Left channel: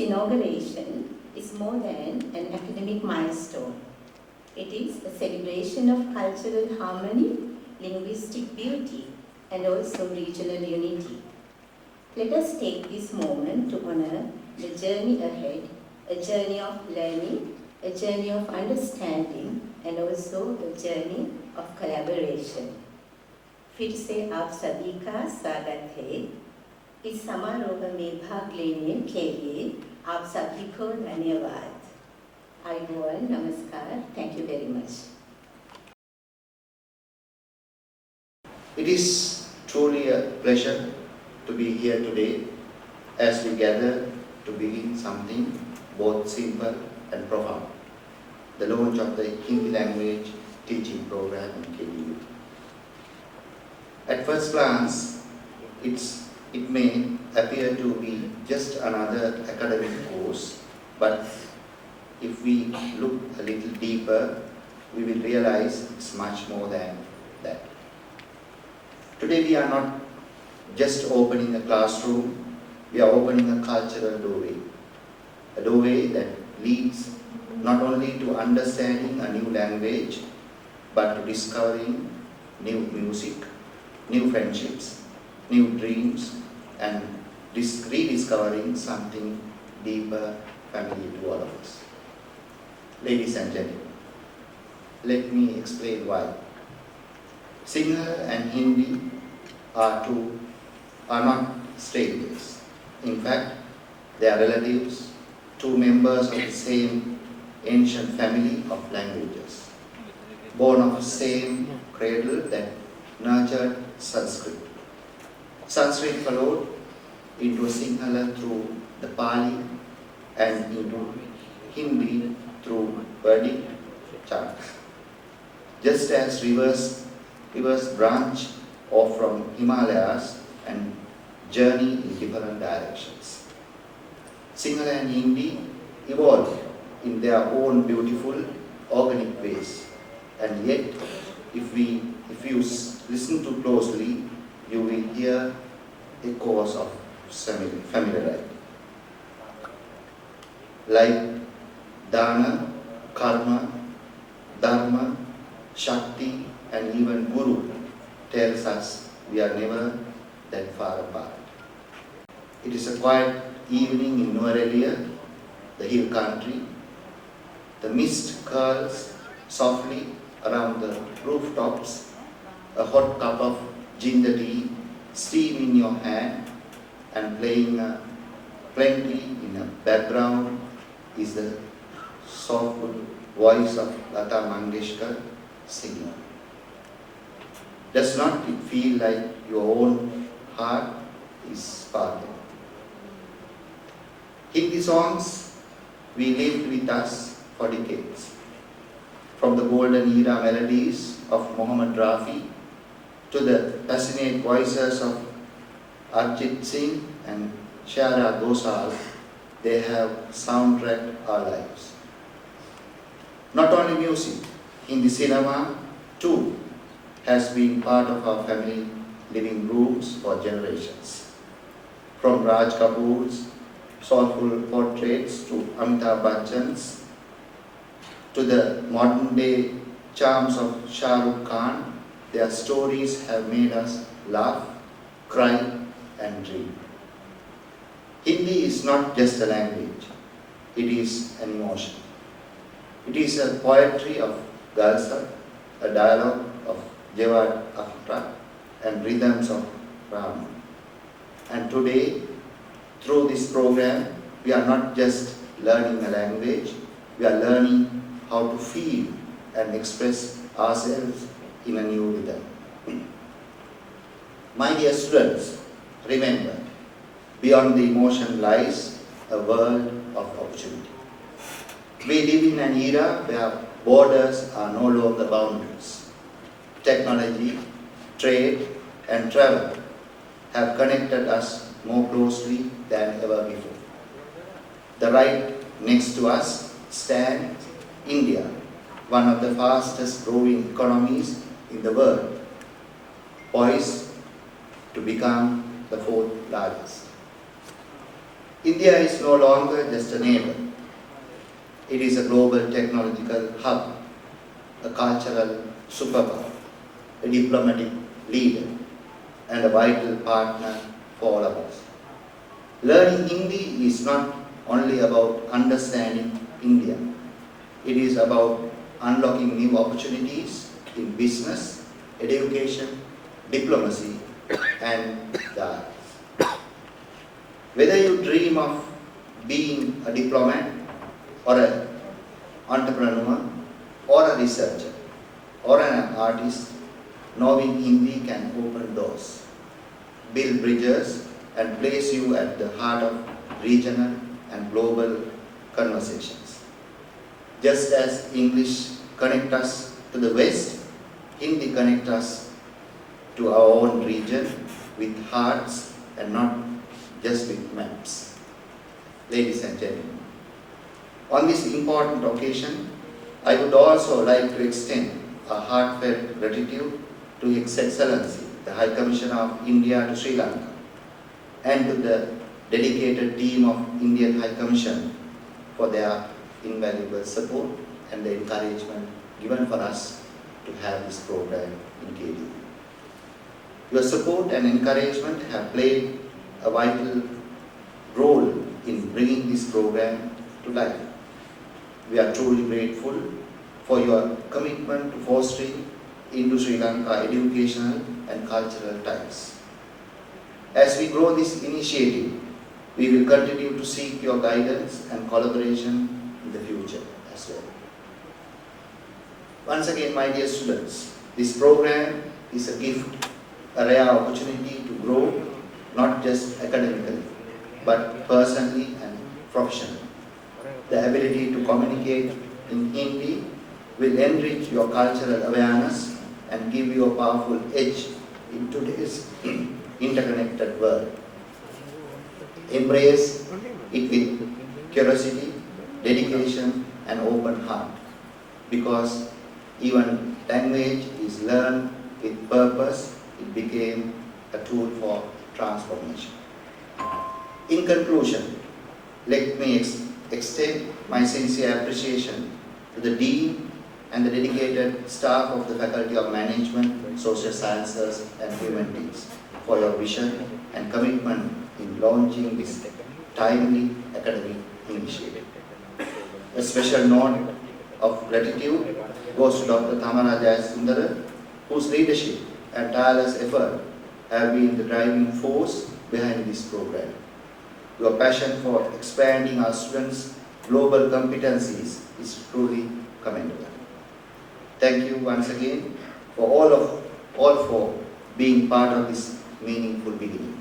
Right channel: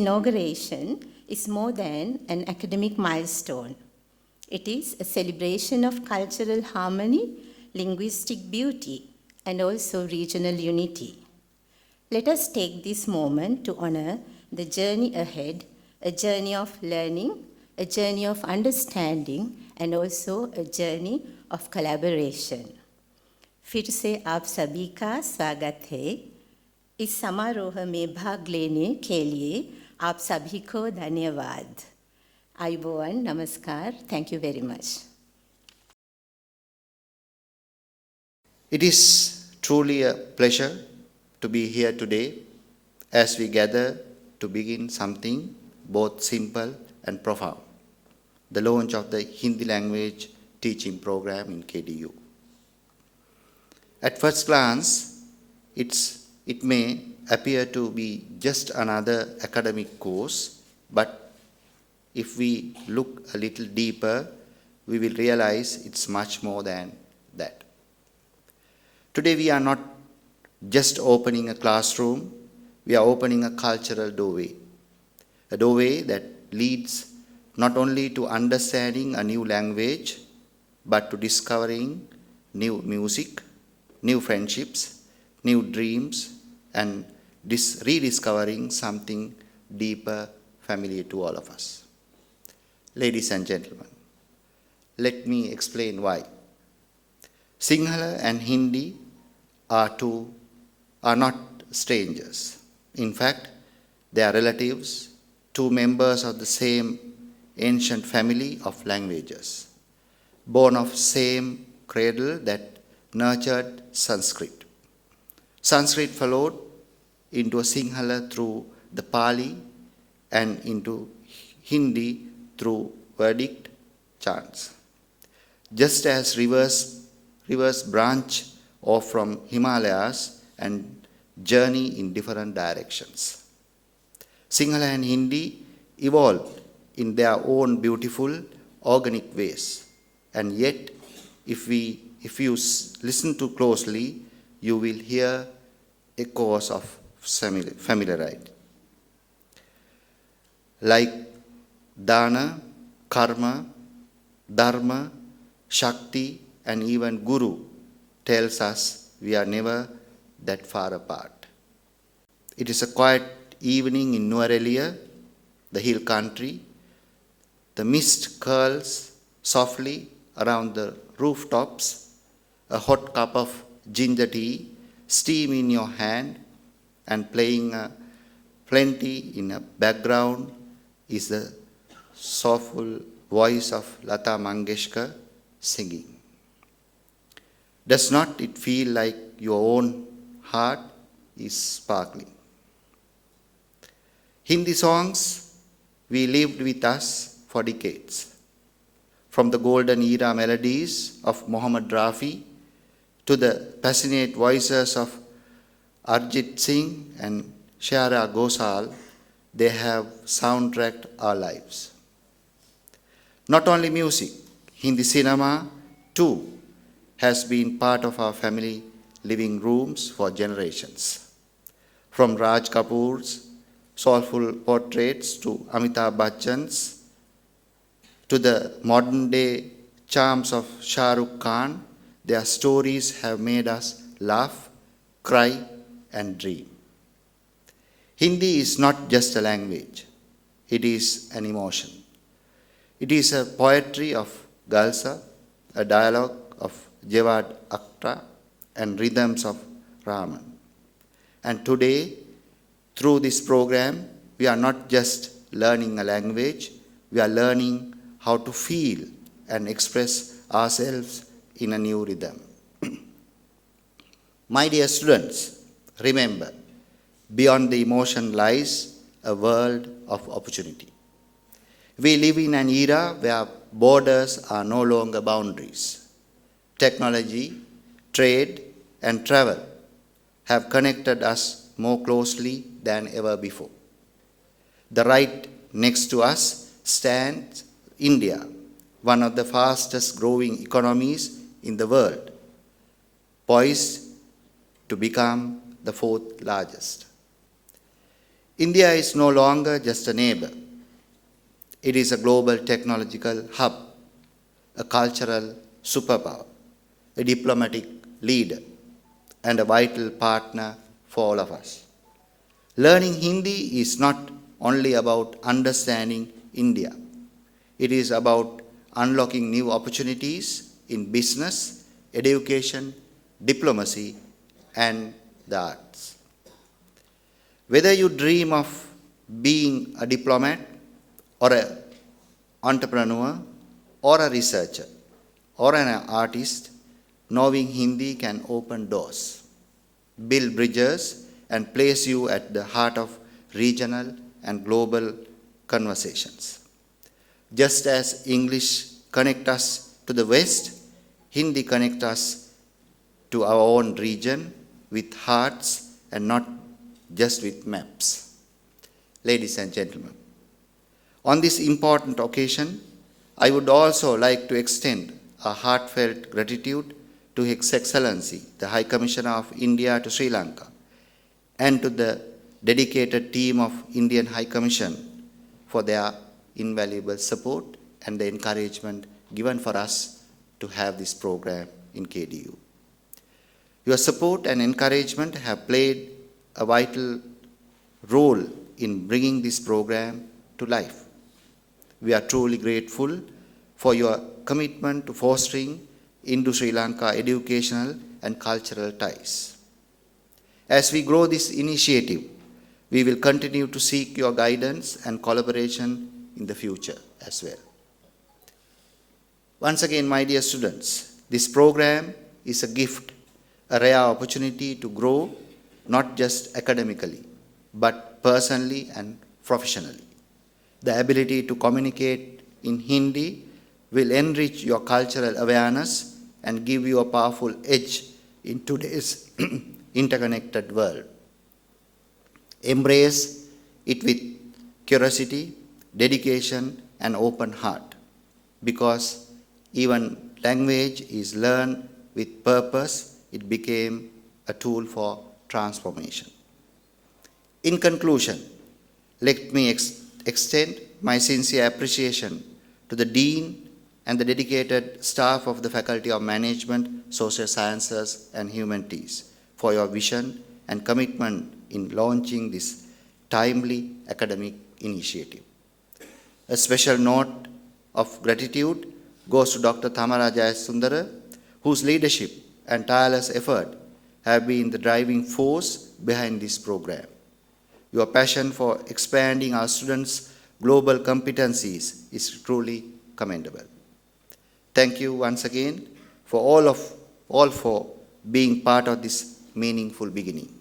inauguration is more than an academic milestone. It is a celebration of cultural harmony, linguistic beauty, and also regional unity. Let us take this moment to honor the journey ahead, a journey of learning, a journey of understanding, and also a journey of collaboration. फिर से आप सभी का स्वागत है। इस समारोह में भाग लेने के लिए आप सभी को धन्यवाद। आयुबोवन, नमस्कार, thank you very much. It is truly a pleasure to be here today as we gather to begin something both simple and profound, the launch of the Hindi language teaching program in KDU. At first glance, it may appear to be just another academic course, but if we look a little deeper, we will realize it's much more than that. Today we are not just opening a classroom, we are opening a cultural doorway. A doorway that leads not only to understanding a new language, but to discovering new music, new friendships, new dreams, and rediscovering something deeper, familiar to all of us. Ladies and gentlemen, let me explain why. Sinhala and Hindi are not strangers. In fact, they are relatives, two members of the same ancient family of languages, born of same cradle that nurtured Sanskrit. Sanskrit followed into Sinhala through the Pali and into Hindi through Vedic chants. Just as rivers branch off from Himalayas and journey in different directions, Sinhala and Hindi evolved in their own beautiful organic ways, and yet if you listen too closely, you will hear echoes of familiarity. Like Dana, Karma, Dharma, Shakti, and even Guru tells us we are never that far apart. It is a quiet evening in Nuwara, the hill country. The mist curls softly around the rooftops, a hot cup of ginger tea, steam in your hand, and playing plenty in the background is the soulful voice of Lata Mangeshkar singing. Does not it feel like your own heart is sparkling? Hindi songs we lived with us for decades. From the golden era melodies of Mohammad Rafi to the passionate voices of Arjit Singh and Shreya Ghoshal, they have soundtracked our lives. Not only music, Hindi cinema too has been part of our family living rooms for generations. From Raj Kapoor's soulful portraits to Amitabh Bachchan's, to the modern day charms of Shah Rukh Khan, their stories have made us laugh, cry, and dream. Hindi is not just a language, it is an emotion. It is a poetry of Galsa, a dialogue of Jawad Akhtar, and rhythms of Ram. And today, through this program, we are not just learning a language, we are learning how to feel and express ourselves in a new rhythm. My dear students, remember, beyond the emotion lies a world of opportunity. We live in an era where borders are no longer boundaries. Technology, trade, and travel have connected us more closely than ever before. The right next to us stands India, one of the fastest growing economies in the world, poised to become the fourth largest. India is no longer just a neighbor. It is a global technological hub, a cultural superpower, a diplomatic leader, and a vital partner for all of us. Learning Hindi is not only about understanding India, it is about unlocking new opportunities in business, education, diplomacy, and the arts. Whether you dream of being a diplomat, or an entrepreneur, or a researcher, or an artist, knowing Hindi can open doors, build bridges, and place you at the heart of regional and global conversations. Just as English connects us to the West, Hindi connects us to our own region with hearts and not just with maps. Ladies and gentlemen, on this important occasion, I would also like to extend a heartfelt gratitude to His Excellency, the High Commissioner of India to Sri Lanka, and to the dedicated team of Indian High Commission for their invaluable support and the encouragement given for us to have this program in KDU. Your support and encouragement have played a vital role in bringing this program to life. We are truly grateful for your commitment to fostering Indo-Sri Lanka educational and cultural ties. As we grow this initiative, we will continue to seek your guidance and collaboration in the future as well. Once again, my dear students, this program is a gift, a rare opportunity to grow not just academically, but personally and professionally. The ability to communicate in Hindi will enrich your cultural awareness and give you a powerful edge in today's interconnected world. Embrace it with curiosity, dedication, and open heart, because even language is learned with purpose. It became a tool for transformation. In conclusion, let me extend my sincere appreciation to the Dean and the dedicated staff of the Faculty of Management, Social Sciences and Humanities for your vision and commitment in launching this timely academic initiative. A special note of gratitude goes to Dr. Thamara Jayasundara, whose leadership and tireless effort have been the driving force behind this program. Your passion for expanding our students' global competencies is truly commendable. Thank you once again for all for being part of this meaningful beginning.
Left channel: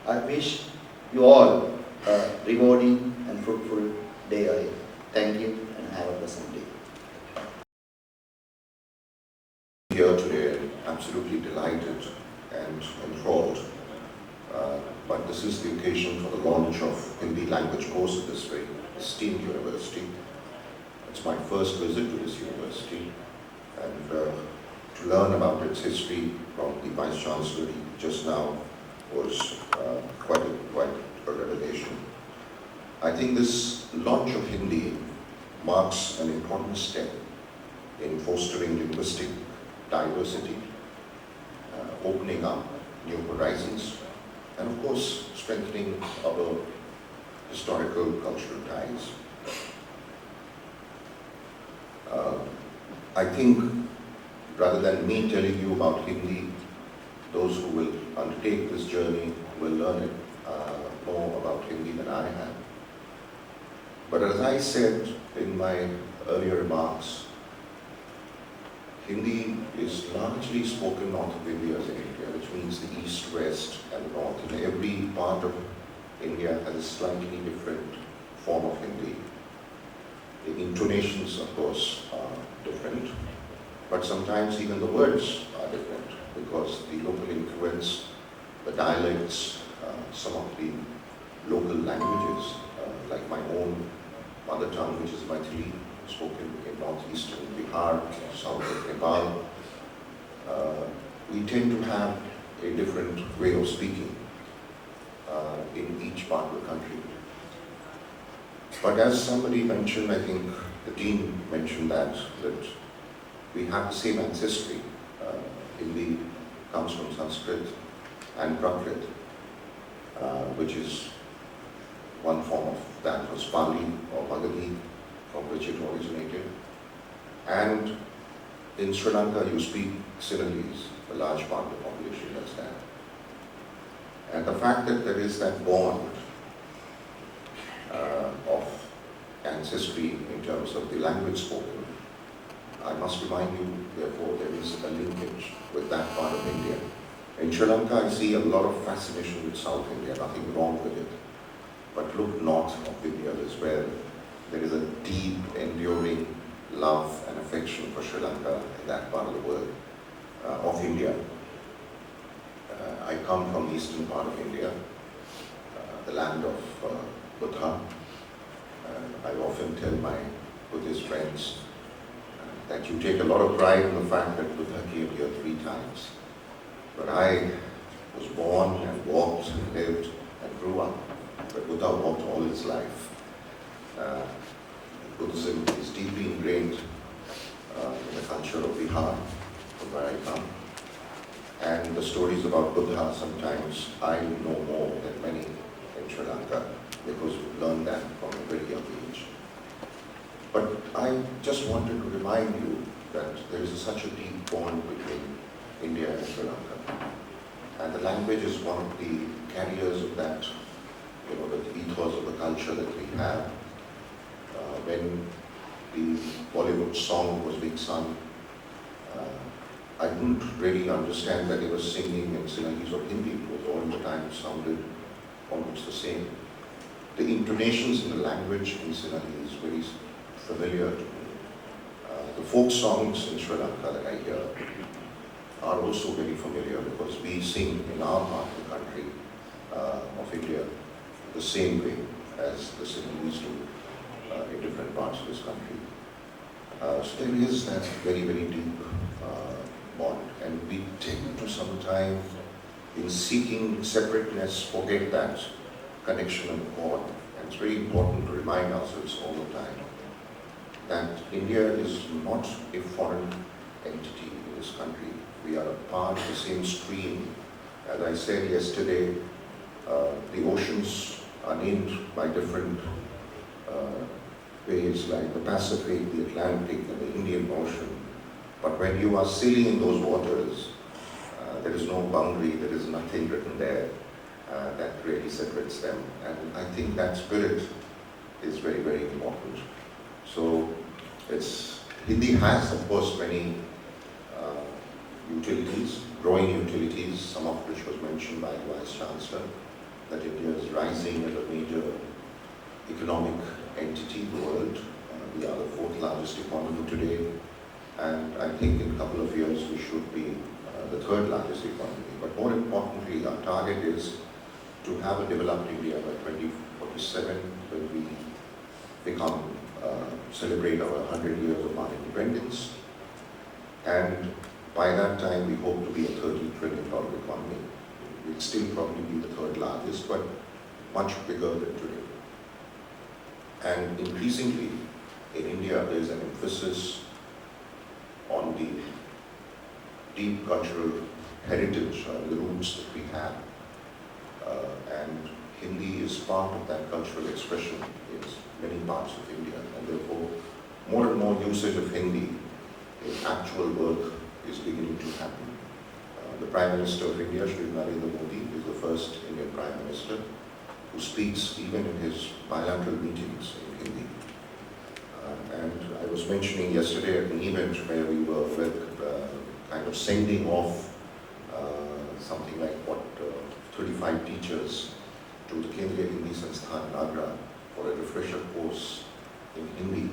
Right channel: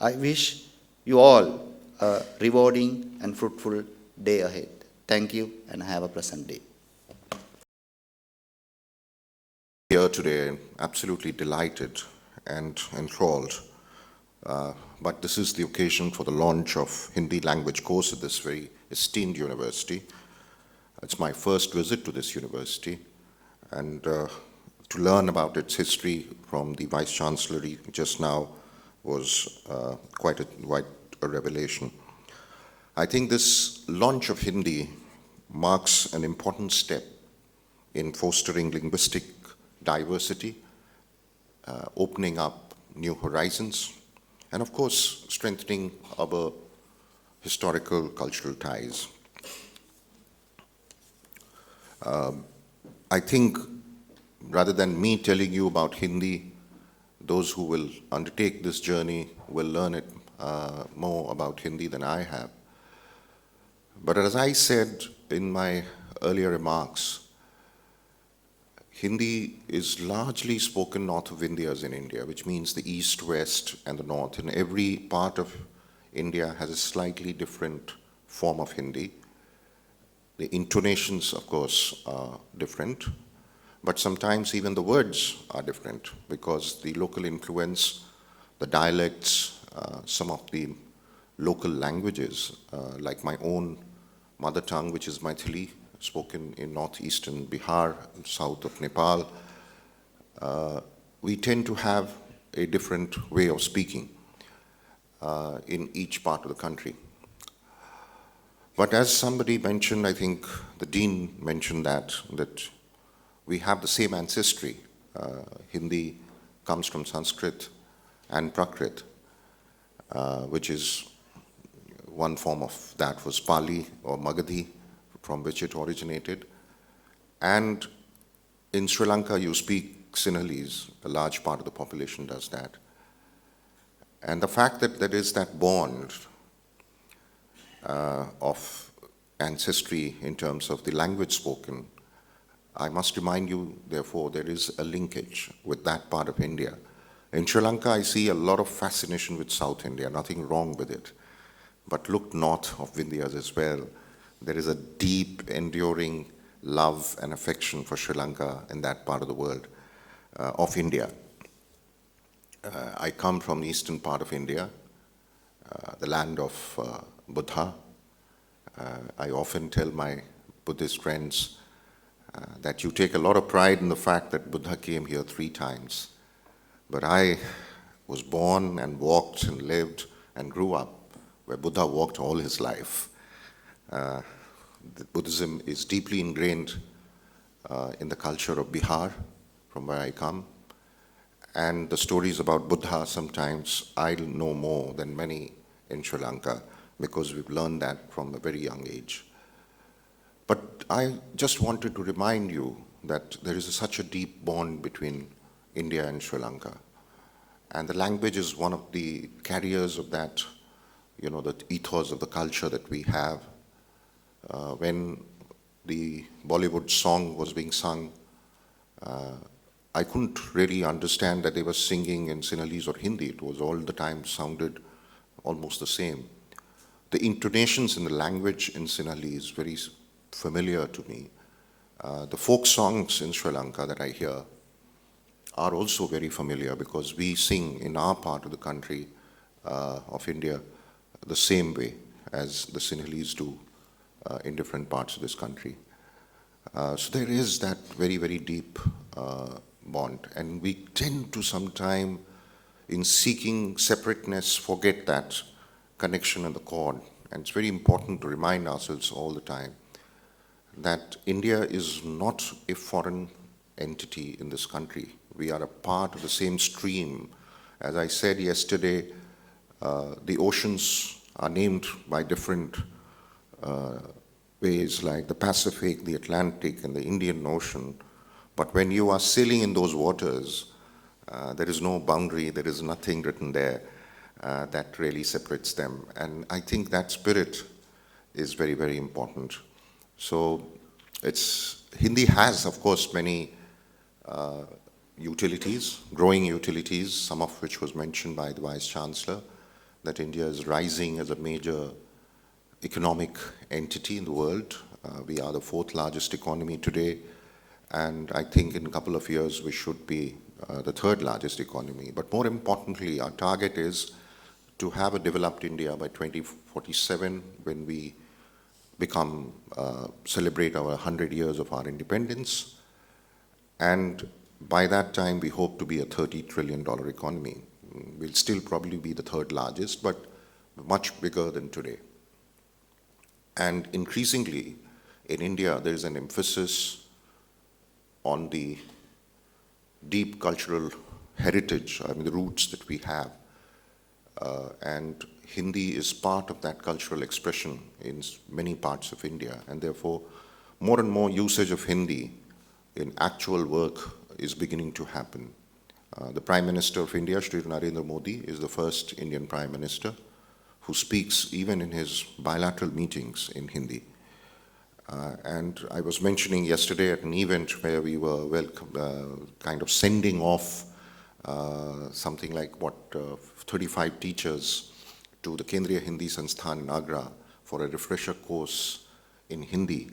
I wish you all a rewarding and fruitful day ahead. Thank you and have a pleasant day. Here today, absolutely delighted and enthralled. But this is the occasion for the launch of Hindi language course at this very esteemed university. It's my first visit to this university, and to learn about its history from the Vice Chancellor just now was quite a revelation. I think this launch of Hindi marks an important step in fostering linguistic diversity, opening up new horizons, and of course strengthening our historical cultural ties. I think rather than me telling you about Hindi, those who will undertake this journey will learn it more about Hindi than I have. But as I said in my earlier remarks, Hindi is largely spoken north of India in India, which means the east, west, and the north. And every part of India has a slightly different form of Hindi. The intonations, of course, are different, but sometimes even the words are different because the local influence, the dialects, some of the local languages, like my own mother tongue, which is Maithili, spoken in northeastern Bihar, south of Nepal, we tend to have a different way of speaking in each part of the country. But as somebody mentioned, I think the Dean mentioned that we have the same ancestry. Hindi comes from Sanskrit and Prakrit, which is one form of that was Pali or Magadhi, from which it originated. And in Sri Lanka, you speak Sinhalese. A large part of the population does that. And the fact that there is that bond of ancestry in terms of the language spoken, I must remind you, therefore, there is a linkage with that part of India. In Sri Lanka, I see a lot of fascination with South India, nothing wrong with it. But look north of Vindhyas as well. There is a deep, enduring love and affection for Sri Lanka and that part of the world, of India. I come from the eastern part of India, the land of Buddha. I often tell my Buddhist friends that you take a lot of pride in the fact that Buddha came here 3 times. But I was born and walked and lived and grew up where Buddha walked all his life. Buddhism is deeply ingrained in the culture of Bihar, from where I come. And the stories about Buddha, sometimes I know more than many in Sri Lanka because we've learned that from a very young age. But I just wanted to remind you that there is such a deep bond between India and Sri Lanka. And the language is one of the carriers of that, the ethos of the culture that we have. When the Bollywood song was being sung, I couldn't really understand that they were singing in Sinhalese or Hindi. It was all the time sounded almost the same. The intonations in the language in Sinhalese is very familiar to me. The folk songs in Sri Lanka that I hear are also very familiar because we sing in our part of the country of India the same way as the Sinhalese do in different parts of this country. So there is that very, very deep bond, and we tend to sometimes, in seeking separateness, forget that connection and the cord. And it's very important to remind ourselves all the time that India is not a foreign entity in this country. We are a part of the same stream. As I said yesterday, the oceans are named by different ways, like the Pacific, the Atlantic, and the Indian Ocean. But when you are sailing in those waters, there is no boundary, there is nothing written there that really separates them. And I think that spirit is very, very important. So Hindi has, of course, many utilities, growing utilities, some of which was mentioned by the Vice Chancellor, that India is rising as a major economic entity in the world. We are the 4th largest economy today, and I think in a couple of years we should be the 3rd largest economy. But more importantly, our target is to have a developed India by 2047, when we celebrate our 100 years of our independence. And by that time, we hope to be a $30 trillion economy. We'll still probably be the 3rd largest, but much bigger than today. And increasingly, in India, there is an emphasis on the deep cultural heritage, the roots that we have. And Hindi is part of that cultural expression in many parts of India, and therefore more and more usage of Hindi in actual work is beginning to happen. The Prime Minister of India, Shri Narendra Modi, is the first Indian Prime Minister who speaks even in his bilateral meetings in Hindi. And I was mentioning yesterday at an event where we were kind of sending off something like 35 teachers to the Kendriya Hindi Sansthan in Agra for a refresher course in Hindi,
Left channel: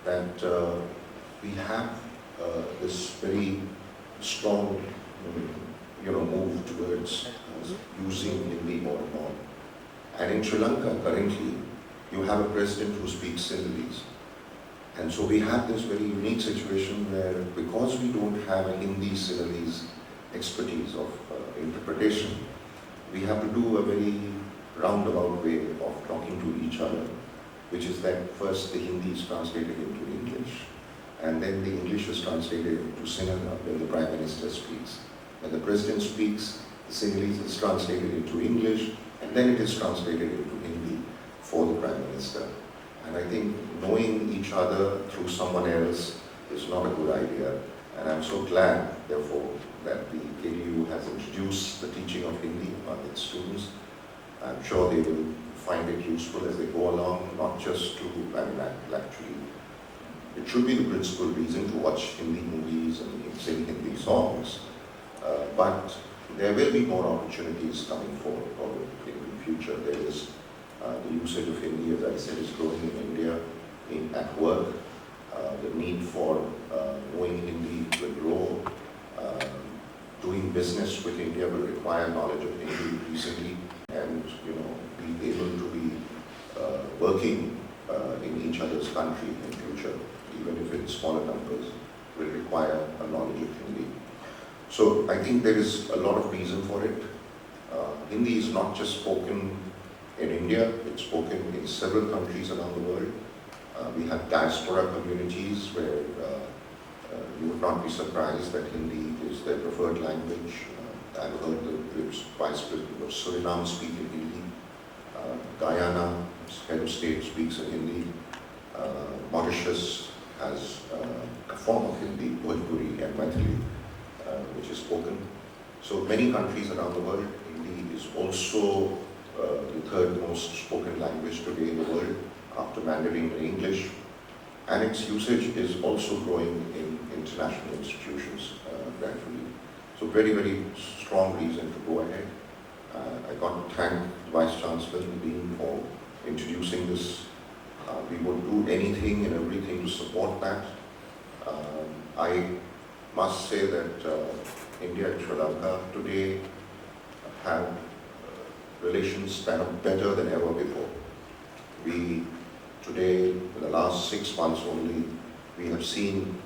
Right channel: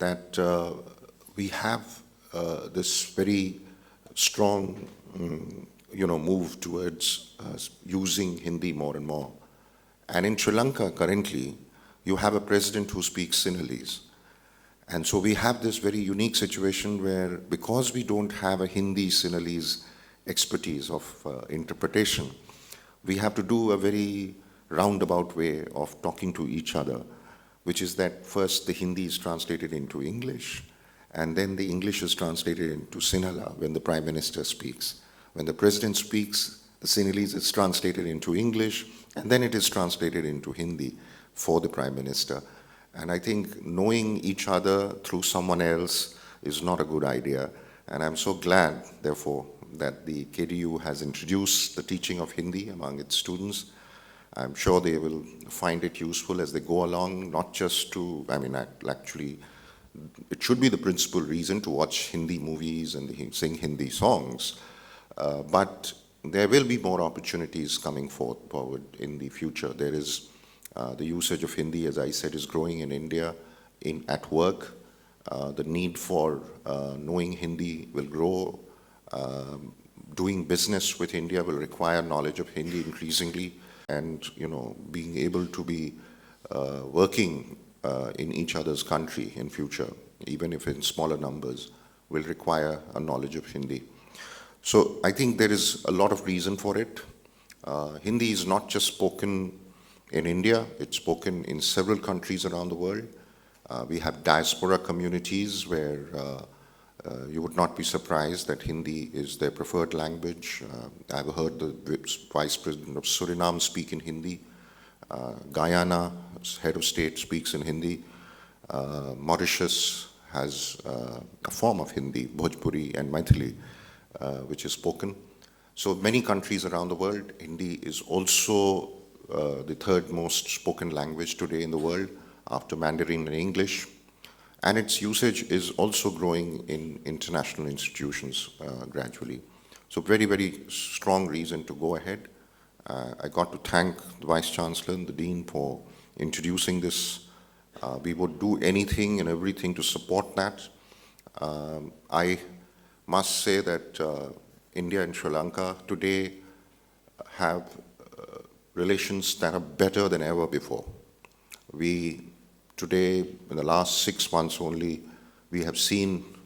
that we have this very strong move towards using Hindi more and more. And in Sri Lanka currently, you have a president who speaks Sinhalese. And so we have this very unique situation where, because we don't have a Hindi Sinhalese expertise of interpretation, we have to do a very roundabout way of talking to each other. which is that first the Hindi is translated into English, and then the English is translated into Sinhala when the Prime Minister speaks. When the President speaks, the Sinhalese is translated into English, and then it is translated into Hindi for the Prime Minister. And I think knowing each other through someone else is not a good idea. And I'm so glad, therefore, that the KDU has introduced the teaching of Hindi among its students. I'm sure they will find it useful as they go along, not just to, actually, it should be the principal reason to watch Hindi movies and sing Hindi songs. But there will be more opportunities coming forward in the future. There is the usage of Hindi, as I said, is growing in India at work. The need for knowing Hindi will grow. Doing business with India will require knowledge of Hindi increasingly, and being able to be working in each other's country in future, even if in smaller numbers, will require a knowledge of Hindi. So I think there is a lot of reason for it. Hindi is not just spoken in India, it's spoken in several countries around the world. We have diaspora communities where you would not be surprised that Hindi is their preferred language. I've heard the Vice President of Suriname speak in Hindi. Guyana, head of state, speaks in Hindi. Mauritius has a form of Hindi, Bhojpuri and Maithili, which is spoken. So many countries around the world, Hindi is also the third most spoken language today in the world, after Mandarin and English. And its usage is also growing in international institutions gradually. So very, very strong reason to go ahead. I got to thank the Vice Chancellor and the Dean for introducing this. We would do anything and everything to support that. I must say that India and Sri Lanka today have relations that are better than ever before. We today, in the last 6 months only, we have seen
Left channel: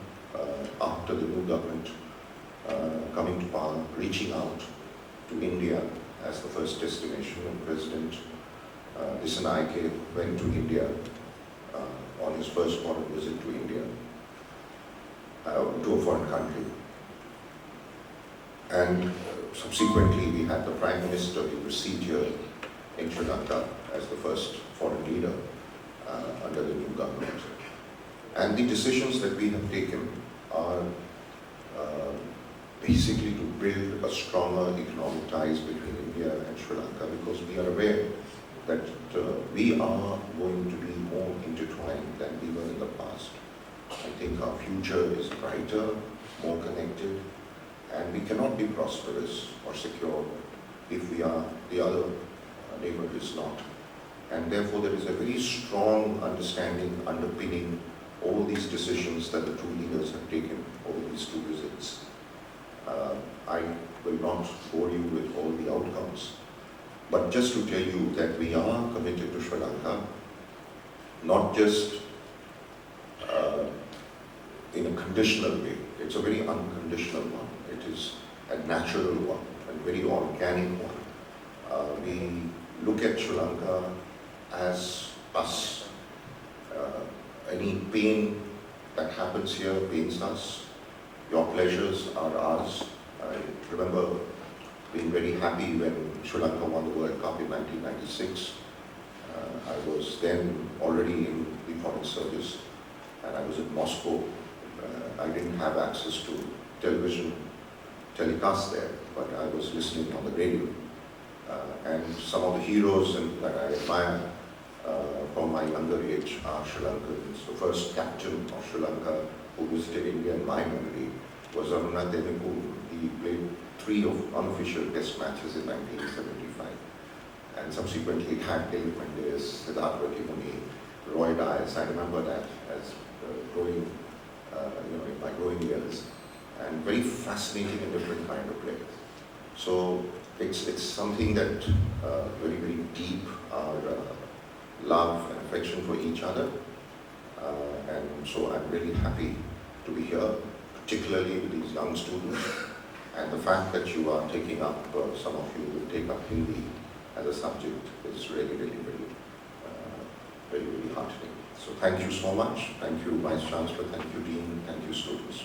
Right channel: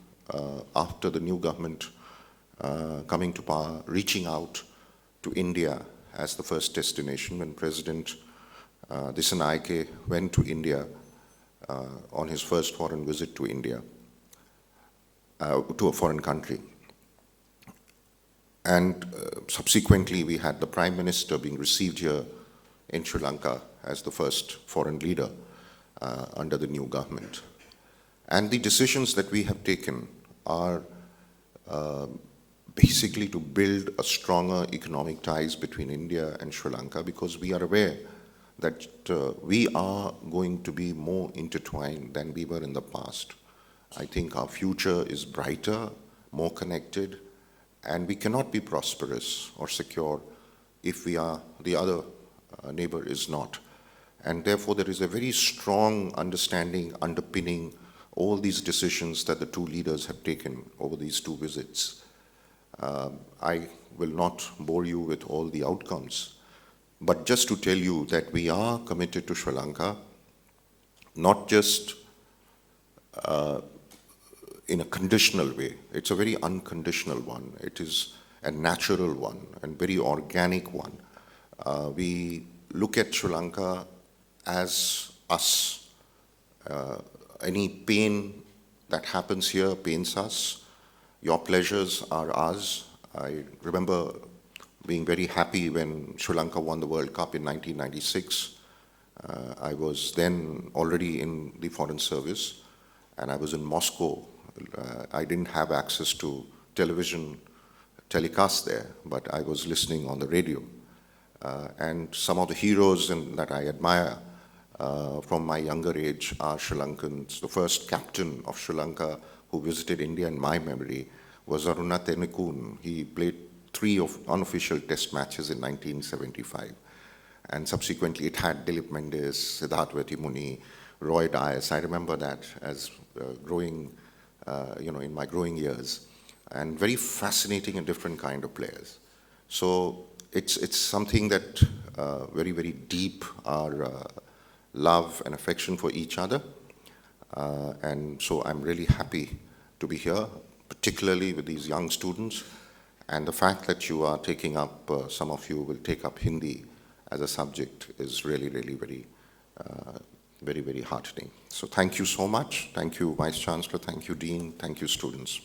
after the new government coming to power, reaching out to India as the first destination. When President Dissanayake went to India on his first foreign visit to India, to a foreign country. And subsequently, we had the Prime Minister being received here in Sri Lanka as the first foreign leader under the new government. And the decisions that we have taken are basically to build a stronger economic ties between India and Sri Lanka, because we are aware that we are going to be more intertwined than we were in the past. I think our future is brighter, more connected, and we cannot be prosperous or secure if the other neighbor is not. And therefore there is a very strong understanding underpinning all these decisions that the two leaders have taken over these two visits. I will not bore you with all the outcomes, but just to tell you that we are committed to Sri Lanka, not just in a conditional way. It's a very unconditional one. It is a natural one and very organic one. We look at Sri Lanka as us. Any pain that happens here pains us. Your pleasures are ours. I remember being very happy when Sri Lanka won the World Cup in 1996. I was then already in the Foreign Service, and I was in Moscow. I didn't have access to television telecast there, but I was listening on the radio. And some of the heroes that I admire from my younger age are Sri Lankans. The first captain of Sri Lanka who visited India in my memory was Arunath Emikun. He played 3 unofficial test matches in 1975. And subsequently it had Dilip Mendes, Siddharth Retimuni, Roy Dias. I remember that as growing, in my growing years. And very fascinating and different kind of players. So it's something that very, very deep, our love and affection for each other. And so I'm really happy to be here, particularly with these young students. And the fact that you are taking up, some of you will take up Hindi as a subject is really, really very very, very heartening. So thank you so much. Thank you, Vice Chancellor. Thank you, Dean. Thank you, students.